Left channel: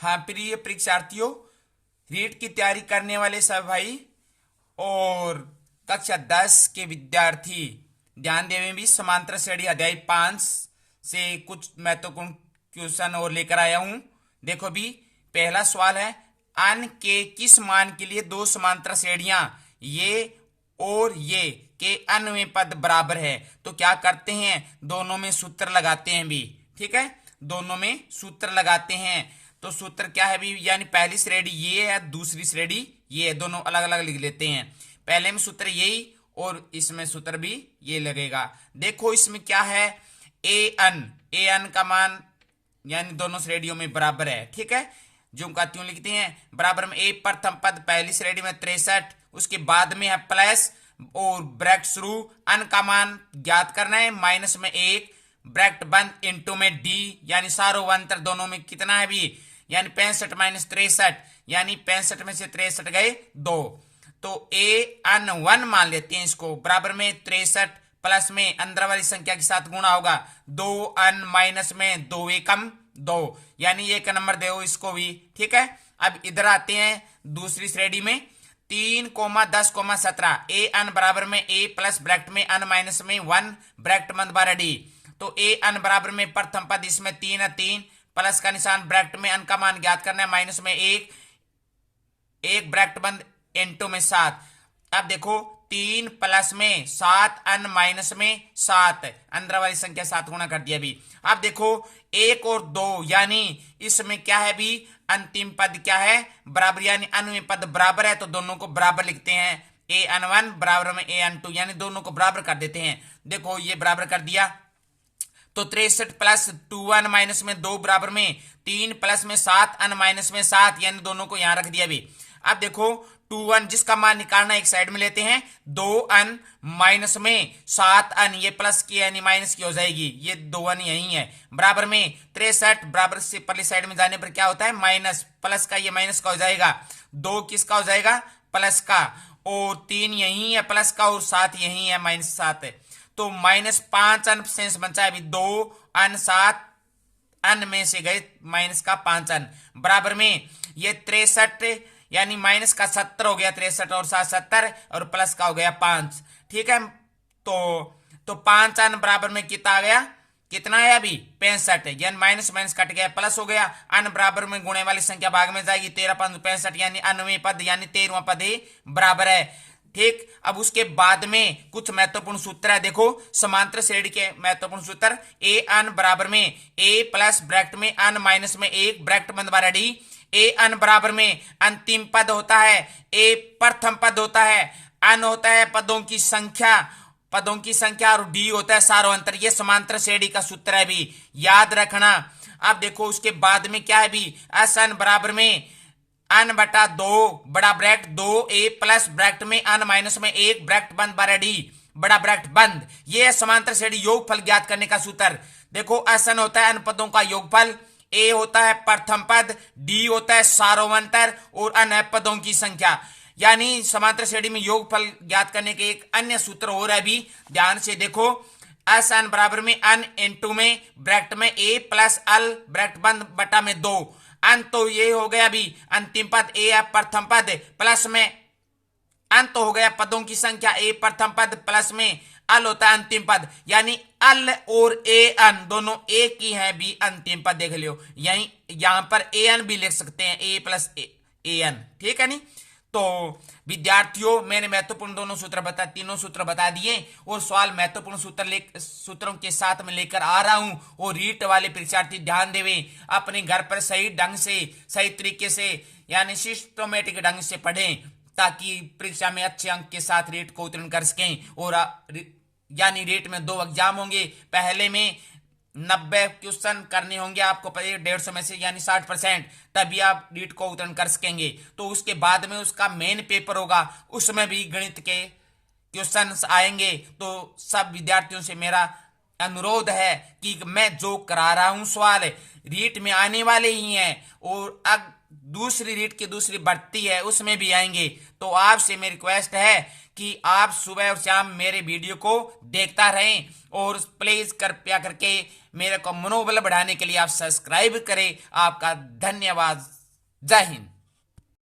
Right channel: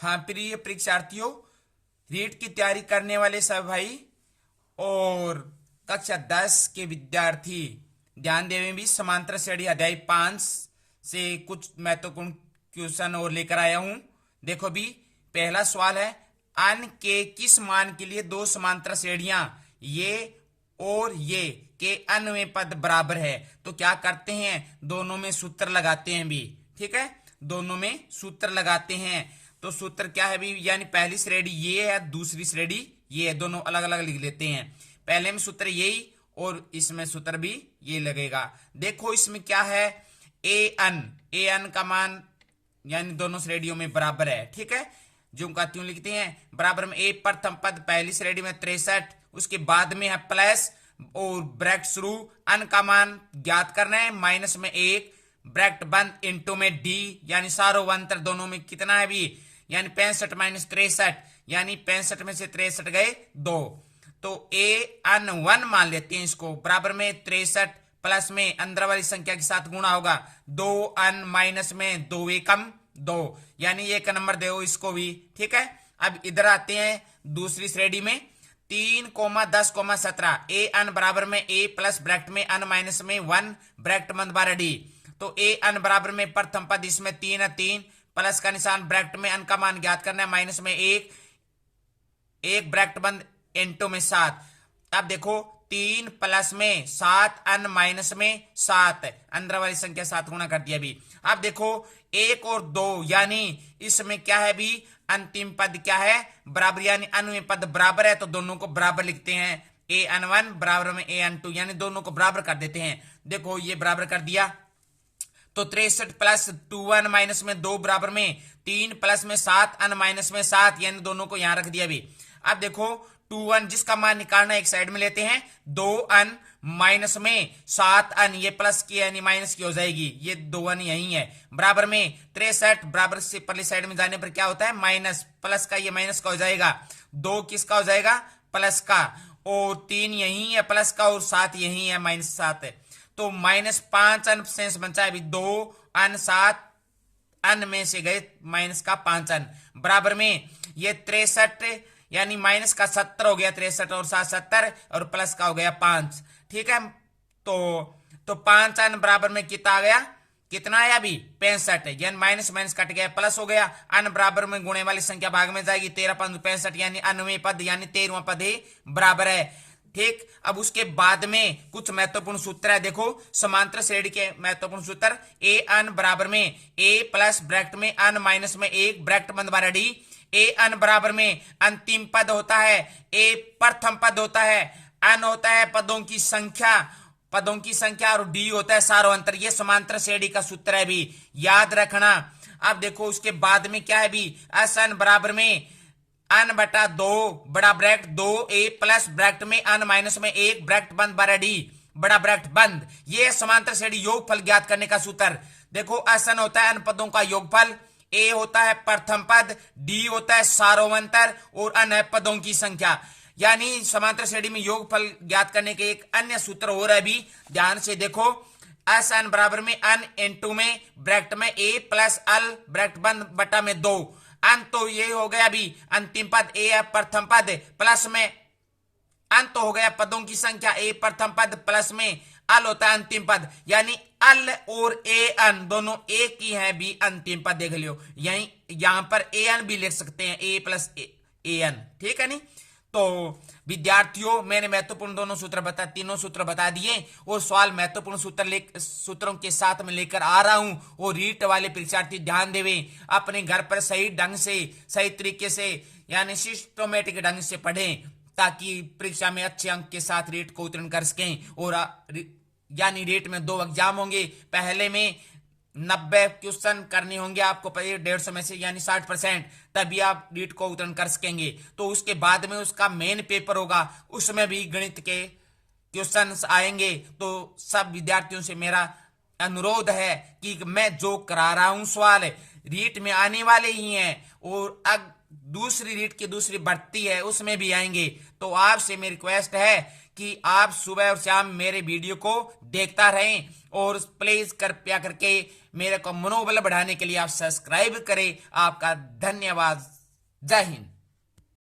हाँ प्रिय परीक्षार्थियों, रीट की तैयारी करने वाले सब भाई और कक्षा 10 के विद्यार्थी ध्यान देवें। भी समांतर श्रेणी अध्याय 5 से कुछ महत्वपूर्ण क्वेश्चन और लेकर आया हूं। देखो भी, पहला सवाल है, अन के किस मान के लिए दो समांतर श्रेणियां ये और ये के अन्वय पद बराबर है? तो क्या करते हैं, दोनों में सूत्र लगाते हैं भी। ठीक है, दोनों में सूत्र लगाते हैं। तो सूत्र क्या है भी, यानी पहली श्रेणी ये है, दूसरी श्रेणी ये है, दोनों अलग अलग लिख लेते हैं। पहले में सूत्र यही और इसमें सूत्र भी ये लगेगा। देखो इसमें क्या है, ए अन का मान यानी दोनों श्रेणियों में बराबर है। ठीक है, जो का त्यों लिखते हैं, बराबर में ए प्रथम पद पहली श्रेणी में 63, उसके बाद में है प्लस और ब्रैकेट शुरू, अन का मान ज्ञात करना है, माइनस में 1 ब्रैकेट बंद इंटू में डी, यानी सारो अंतर दोनों में कितना है भी, यानी 65 माइनस 63, यानी 65 में से 63 गए 2। तो ए अन 1 मान लेते हैं इसको, बराबर में 63 प्लस में अंदर वाली संख्या के साथ गुणा होगा, 2 अन माइनस में 2 एकम 2, यानी 1 नंबर दो इसको भी। ठीक है, अब इधर आते हैं दूसरी श्रेणी में, 3,10,17 ए अन बराबर में ए प्लस ब्रैकेट में अन माइनस में 1 ब्रैकेट बंद बारह डी। तो ए अन बराबर में प्रथम पद इसमें 3 है, 3 प्लस का निशान ब्रैकेट में अन का मान ज्ञात करना है, माइनस में 1 ब्रैकेट बंद इंटू में 7। अब देखो 3 प्लस में 7 अन माइनस में 7, अंदर वाली संख्या 7 गुना कर दिया भी। अब देखो 1 और 2, यानी इसमें क्या है भी, अंतिम पद क्या है, बराबर, यानी अन्वय पद बराबर है तो दोनों को बराबर लिखते हैं। ए अन 1 बराबर में ए अन 2, यानी दोनों को बराबर कर देते हैं। देखो ये बराबर कर दिया, तो 63 प्लस 2 अन माइनस में 2 बराबर में 3 प्लस में 7 अन माइनस में 7, यानी दोनों को यहां रख दिया भी। अब देखो 2 अन जिसका मान निकालना एक साइड में लेते हैं, 2 अन माइनस में 7 अन, ये प्लस की यानी माइनस की हो जाएगी, ये 2 अन यही है, बराबर में 63 बराबर से पहले साइड में जाने पर क्या होता है, माइनस, प्लस का ये माइनस का हो जाएगा, 2 किसका हो जाएगा, प्लस का, और 3 यही है प्लस का, और 7 यही है माइनस 7 है। तो -5 अन शेष बचा है अभी, 2 अन 7 अन में से गए माइनस का 5 अन, बराबर में ये 63 यानी माइनस का 70 हो गया, 63 और 7 70, और प्लस का हो गया 5। ठीक है, तो 5 अन बराबर में कितना आ गया, कितना है अभी 65, यानी माइनस माइनस कट गया, प्लस हो गया, अन बराबर में गुणे वाली संख्या भाग में जाएगी, 13 5 65, यानी अन्वय पद यानी 13वां पद ही बराबर है। ठीक, अब उसके बाद में कुछ महत्वपूर्ण सूत्र है। देखो समांतर श्रेणी के महत्वपूर्ण सूत्र, ए अन बराबर में ए प्लस ब्रैकेट में अन माइनस में 1 ब्रैकेट बंद बारह डी। ए अन बराबर में अंतिम पद होता है, ए प्रथम पद होता है, अन होता है पदों की संख्या और डी होता है सारो अंतर। ये समांतर श्रेणी का सूत्र है भी, याद रखना। अब देखो उसके बाद में क्या है भी, एस अन बराबर में अन बटा 2 बड़ा ब्रैकेट 2 ए प्लस ब्रैकेट में अन माइनस में 1 ब्रैकेट बंद बारह डी बड़ा ब्रैकेट बंद। ये समांतर श्रेणी योगफल ज्ञात करने का सूत्र। देखो एस अन होता है अन पदों का योगफल, ए होता है प्रथम पद, डी होता है सारोवंतर, और अन है पदों की संख्या। यानी समांतर श्रेणी में योगफल ज्ञात करने के एक अन्य सूत्र हो रहा है भी, ध्यान से देखो, एस अन बराबर में अन इंटू में ब्रैकेट में ए प्लस अल ब्रैकेट बंद बटा में 2, अंत तो ये हो गया अभी अंतिम पद ए है प्रथम पद, प्लस में अंत तो हो गया पदों की संख्या, ए प्रथम पद प्लस में अल होता है अंतिम पद, यानी अल और ए अन दोनों एक ही है भी अंतिम पद। देख लियो, यही यहां पर ए अन भी लिख सकते हैं, ए प्लस ए अन। ठीक है नहीं, तो विद्यार्थियों मैंने महत्वपूर्ण तीनों सूत्र बता दिए, और सवाल महत्वपूर्ण सूत्रों के साथ में लेकर आ रहा हूं, और रीट वाले परीक्षार्थी ध्यान देवे, अपने घर पर सही ढंग से सही तरीके से यानी सिस्टमेटिक ढंग से पढ़ें, ताकि परीक्षा में अच्छे अंक के साथ रीट को उत्तीर्ण कर सकें। और यानी रीट में 2 एग्जाम होंगे, पहले में 90 क्वेश्चन करने होंगे आपको 150 में से, यानी 60%, तभी आप रीट को उत्तीर्ण कर सकेंगे। तो उसके बाद में उसका मेन पेपर होगा, उसमें भी गणित के क्वेश्चंस आएंगे। तो सब विद्यार्थियों से मेरा अनुरोध है कि मैं जो करा रहा हूं सवाल रीट में आने वाले ही हैं, और अब दूसरी रीट की दूसरी भर्ती है उसमें भी आएंगे। तो आपसे मेरी रिक्वेस्ट है कि आप सुबह और शाम मेरे वीडियो को देखता रहें और प्लीज कृपया करके मेरे को मनोबल बढ़ाने के लिए आप सब्सक्राइब करें। आपका धन्यवाद। जय हिंद।